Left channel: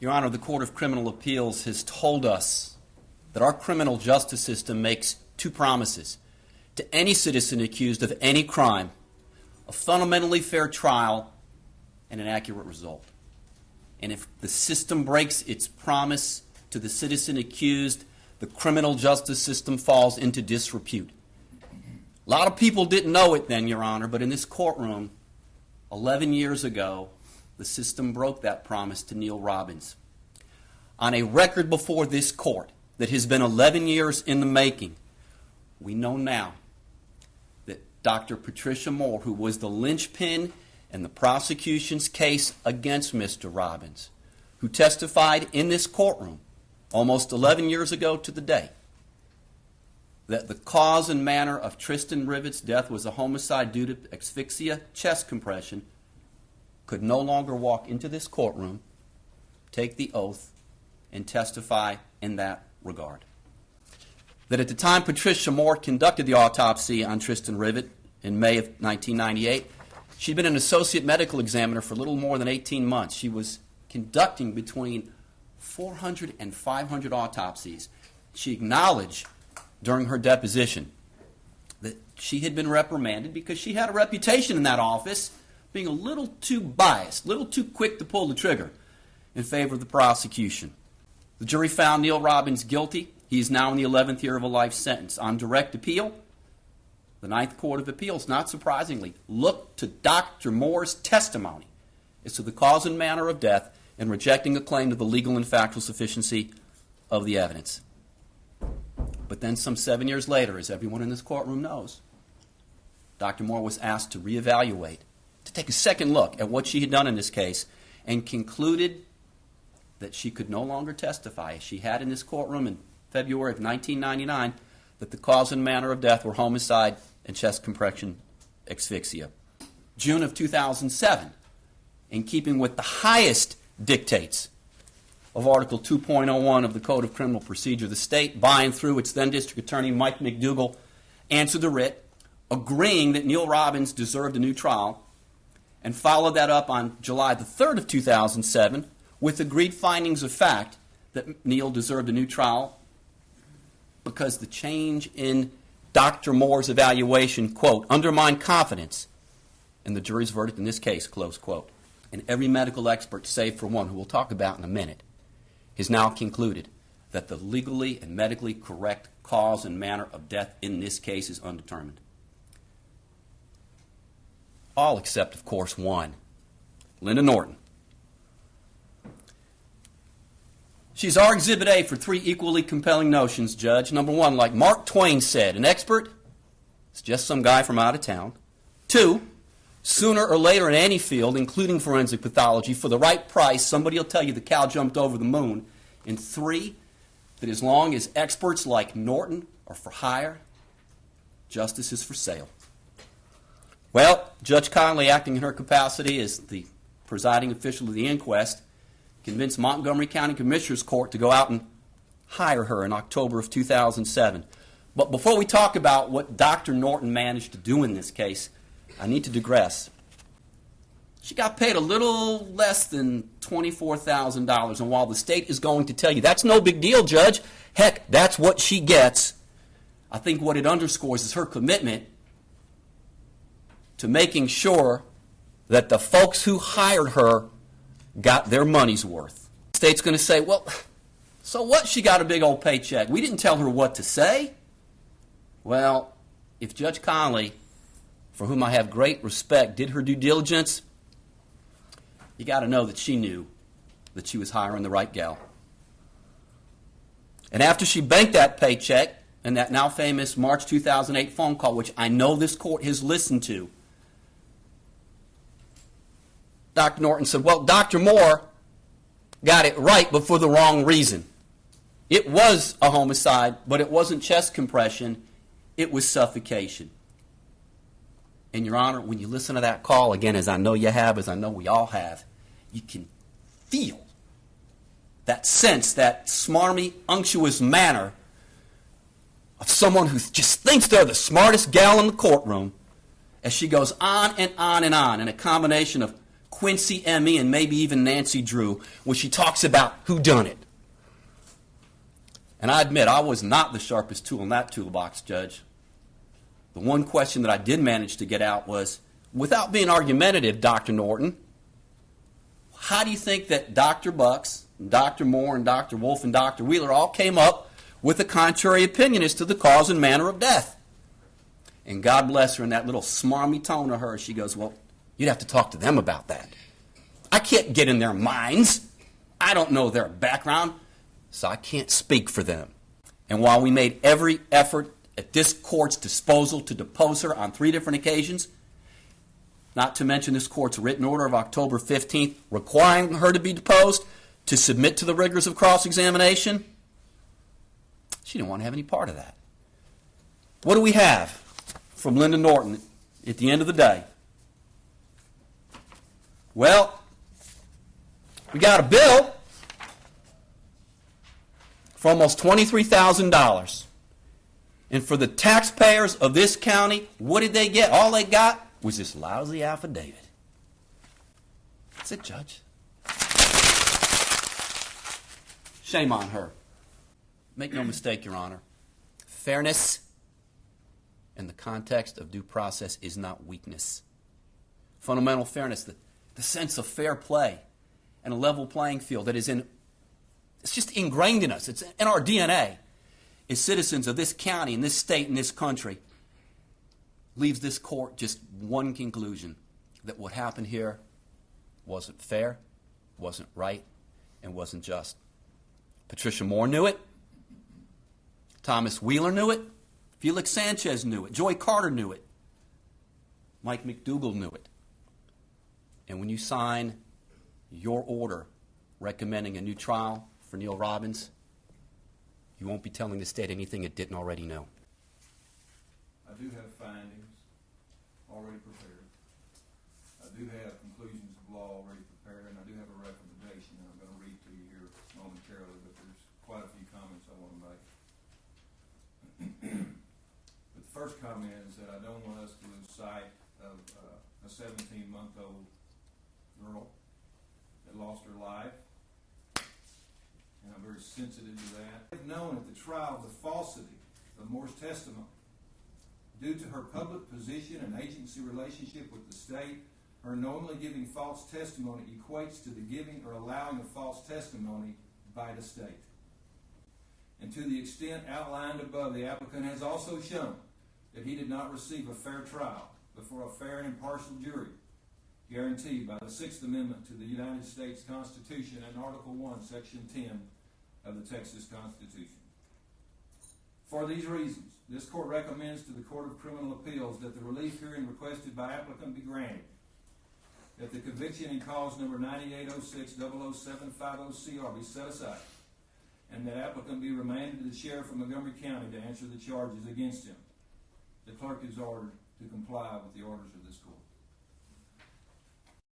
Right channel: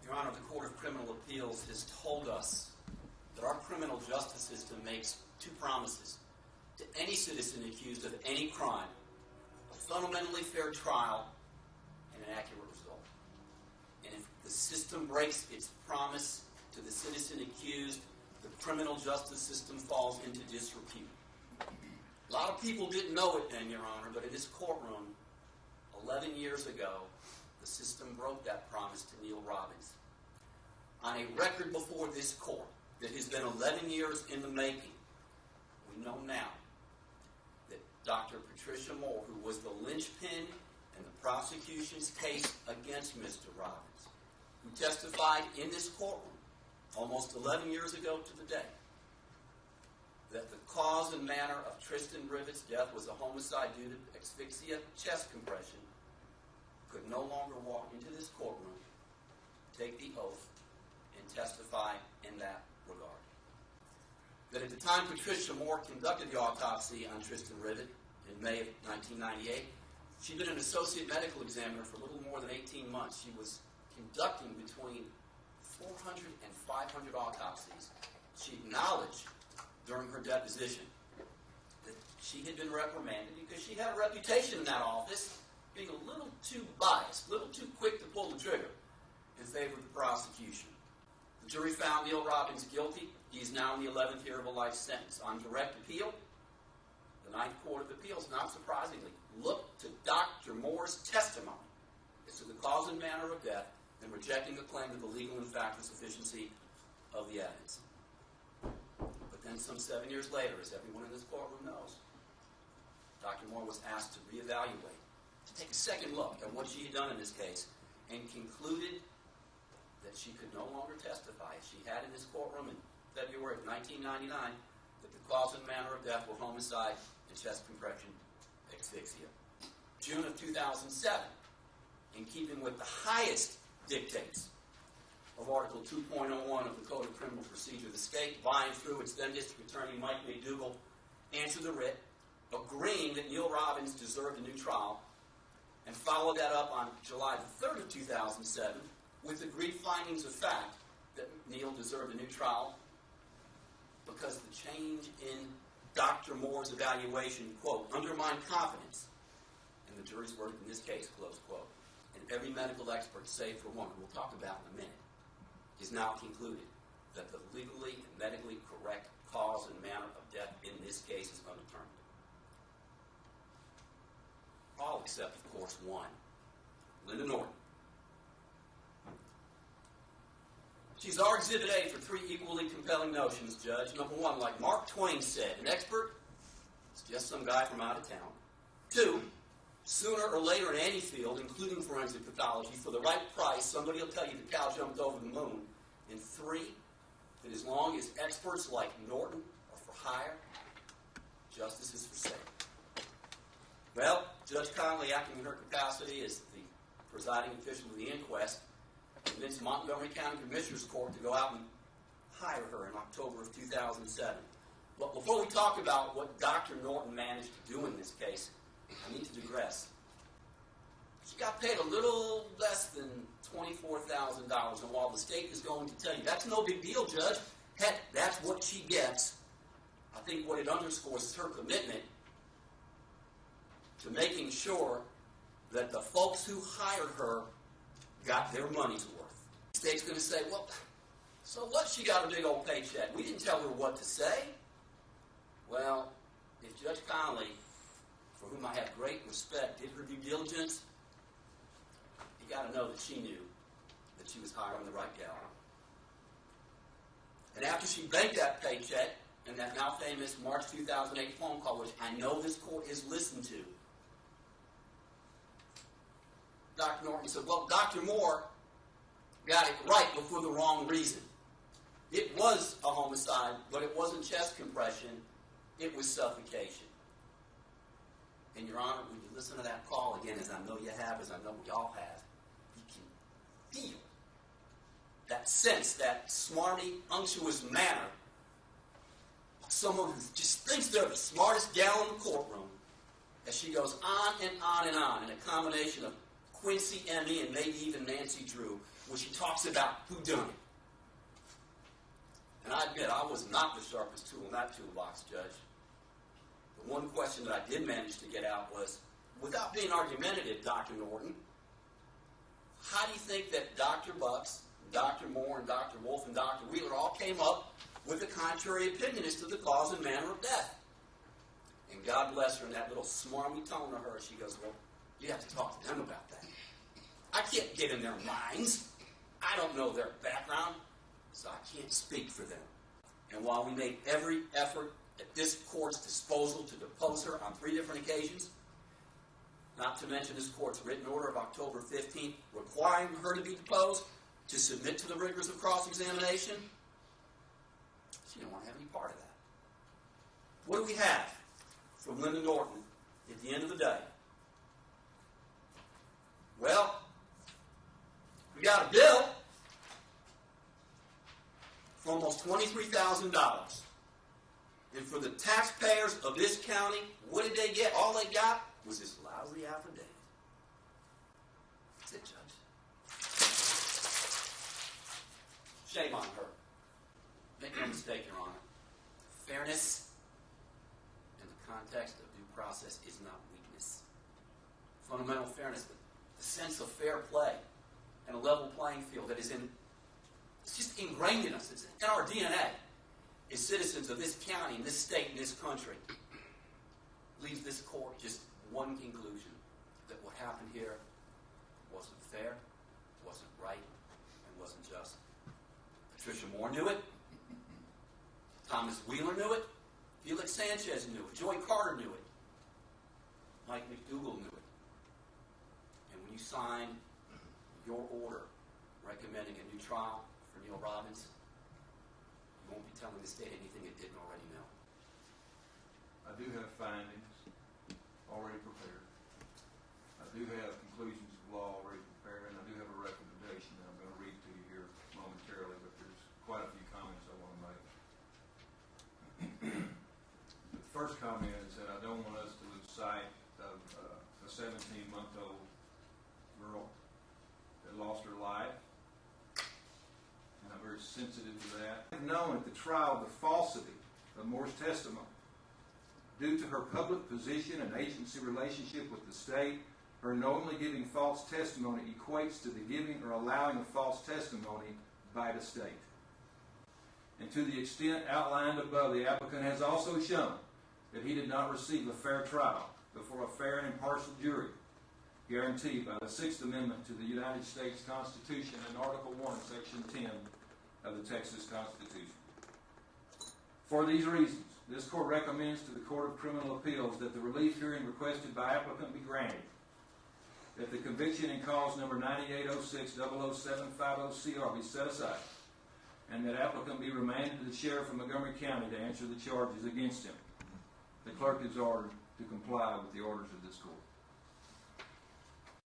Your Honor, the Court of Criminal Appeals has told us that our criminal justice system makes two promises to any citizen accused of any crime: a fundamentally fair trial and an accurate result. And if the system breaks its promise to the citizen accused, the criminal justice system falls into disrepute. A lot of people didn't know it then, Your Honor, but in this courtroom, 11 years ago, the system broke that promise to Neil Robbins. On a record before this court that has been 11 years in the making, we know now that Dr. Patricia Moore, who was the linchpin in the prosecution's case against Mr. Robbins, who testified in this courtroom almost 11 years ago to the day, that the cause and manner of Tristin Rivet's death was a homicide due to asphyxia chest compression, could no longer walk into this courtroom, take the oath, and testify in that regard. That at the time Patricia Moore conducted the autopsy on Tristin Rivet in May of 1998, she'd been an associate medical examiner for a little more than 18 months. She was conducting between 400 and 500 autopsies. She acknowledged during her deposition that she had been reprimanded because she had a reputation in that office being a little too biased, a little too quick to pull the trigger in favor of the prosecution. The jury found Neil Robbins guilty. He is now in the 11th year of a life sentence. On direct appeal, the Ninth Court of Appeals, not surprisingly, looked to Dr. Moore's testimony as to the cause and manner of death in rejecting a claim to the legal and factual sufficiency of the evidence. But then some 7 years later, as everyone in this courtroom knows, Dr. Moore was asked to reevaluate, to take a second look at what she had done in this case, and concluded that she could no longer testify, as she had in this courtroom in February of 1999, that the cause and manner of death were homicide and chest compression asphyxia. June of 2007, in keeping with the highest dictates of Article 2.01 of the Code of Criminal Procedure, the state, by and through its then District Attorney Mike McDougall, answered the writ, agreeing that Neil Robbins deserved a new trial, and followed that up on July the 3rd of 2007 with agreed findings of fact that Neil deserved a new trial because the change in Dr. Moore's evaluation, quote, undermined confidence in the jury's verdict in this case, close quote. And every medical expert, save for one, who we'll talk about in a minute, has now concluded that the legally and medically correct cause and manner of death in this case is undetermined. All except, of course, one, Linda Norton. She's our Exhibit A for three equally compelling notions, Judge. Number one, like Mark Twain said, an expert is just some guy from out of town. Two, sooner or later in any field, including forensic pathology, for the right price, somebody will tell you the cow jumped over the moon. And three, that as long as experts like Norton are for hire, justice is for sale. Well, Judge Conley, acting in her capacity as the presiding official of the inquest, convinced Montgomery County Commissioner's Court to go out and hire her in October of 2007. But before we talk about what Dr. Norton managed to do in this case, I need to digress. She got paid a little less than $24,000, and while the state is going to tell you, that's no big deal, Judge, heck, that's what she gets, I think what it underscores is her commitment to making sure that the folks who hired her got their money's worth. The state's going to say, well, so what? She got a big old paycheck. We didn't tell her what to say. Well, if Judge Conley, for whom I have great respect, did her due diligence, you got to know that she knew that she was hiring the right gal. And after she banked that paycheck and that now famous March 2008 phone call, which I know this court has listened to, Dr. Norton said, well, Dr. Moore got it right, but for the wrong reason. It was a homicide, but it wasn't chest compression. It was suffocation. And, Your Honor, when you listen to that call, again, as I know you have, as I know we all have, you can feel that sense, that smarmy, unctuous manner of someone who just thinks they're the smartest gal in the courtroom as she goes on and on and on in a combination of Quincy, Emmy, and maybe even Nancy Drew when she talks about who done it. And I admit, I was not the sharpest tool in that toolbox, Judge. The one question that I did manage to get out was, without being argumentative, Dr. Norton, how do you think that Dr. Bucks, Dr. Moore, and Dr. Wolf, and Dr. Wheeler all came up with a contrary opinion as to the cause and manner of death? And God bless her, in that little smarmy tone of hers, she goes, well, you'd have to talk to them about that. I can't get in their minds. I don't know their background, so I can't speak for them. And while we made every effort at this court's disposal to depose her on 3 different occasions, not to mention this court's written order of October 15th requiring her to be deposed, to submit to the rigors of cross-examination, she didn't want to have any part of that. What do we have from Linda Norton at the end of the day? Well, we got a bill for almost $23,000. And for the taxpayers of this county, what did they get? All they got was this lousy affidavit. That's it, Judge. Shame on her. Make no mistake, Your Honor. Fairness in the context of due process is not weakness. Fundamental fairness, the sense of fair play and a level playing field that is it's just ingrained in us. It's in our DNA as citizens of this county, in this state, in this country, leaves this court just one conclusion: that what happened here wasn't fair, wasn't right, and wasn't just. Patricia Moore knew it. Thomas Wheeler knew it. Felix Sanchez knew it. Joy Carter knew it. Mike McDougall knew it. And when you sign your order recommending a new trial for Neil Robbins, you won't be telling the state anything it didn't already know. I do have findings already prepared. I do have conclusions of law already prepared, and I do have a recommendation that I'm going to read to you here momentarily, but there's quite a few comments I want to make. The first comment is that I don't want us to lose sight of a 17-month-old girl that lost her life, and I'm very sensitive to that. I've known at the trial the falsity of Moore's testimony. Due to her public position and agency relationship with the state, her knowingly giving false testimony equates to the giving or allowing of false testimony by the state. And to the extent outlined above, the applicant has also shown that he did not receive a fair trial before a fair and impartial jury, guaranteed by the Sixth Amendment to the United States Constitution and Article 1, Section 10 of the Texas Constitution. For these reasons, this court recommends to the Court of Criminal Appeals that the relief hearing requested by applicant be granted, that the conviction in cause number 9806-00750CR be set aside, and that applicant be remanded to the sheriff of Montgomery County to answer the charges against him. The clerk is ordered to comply with the orders of this court.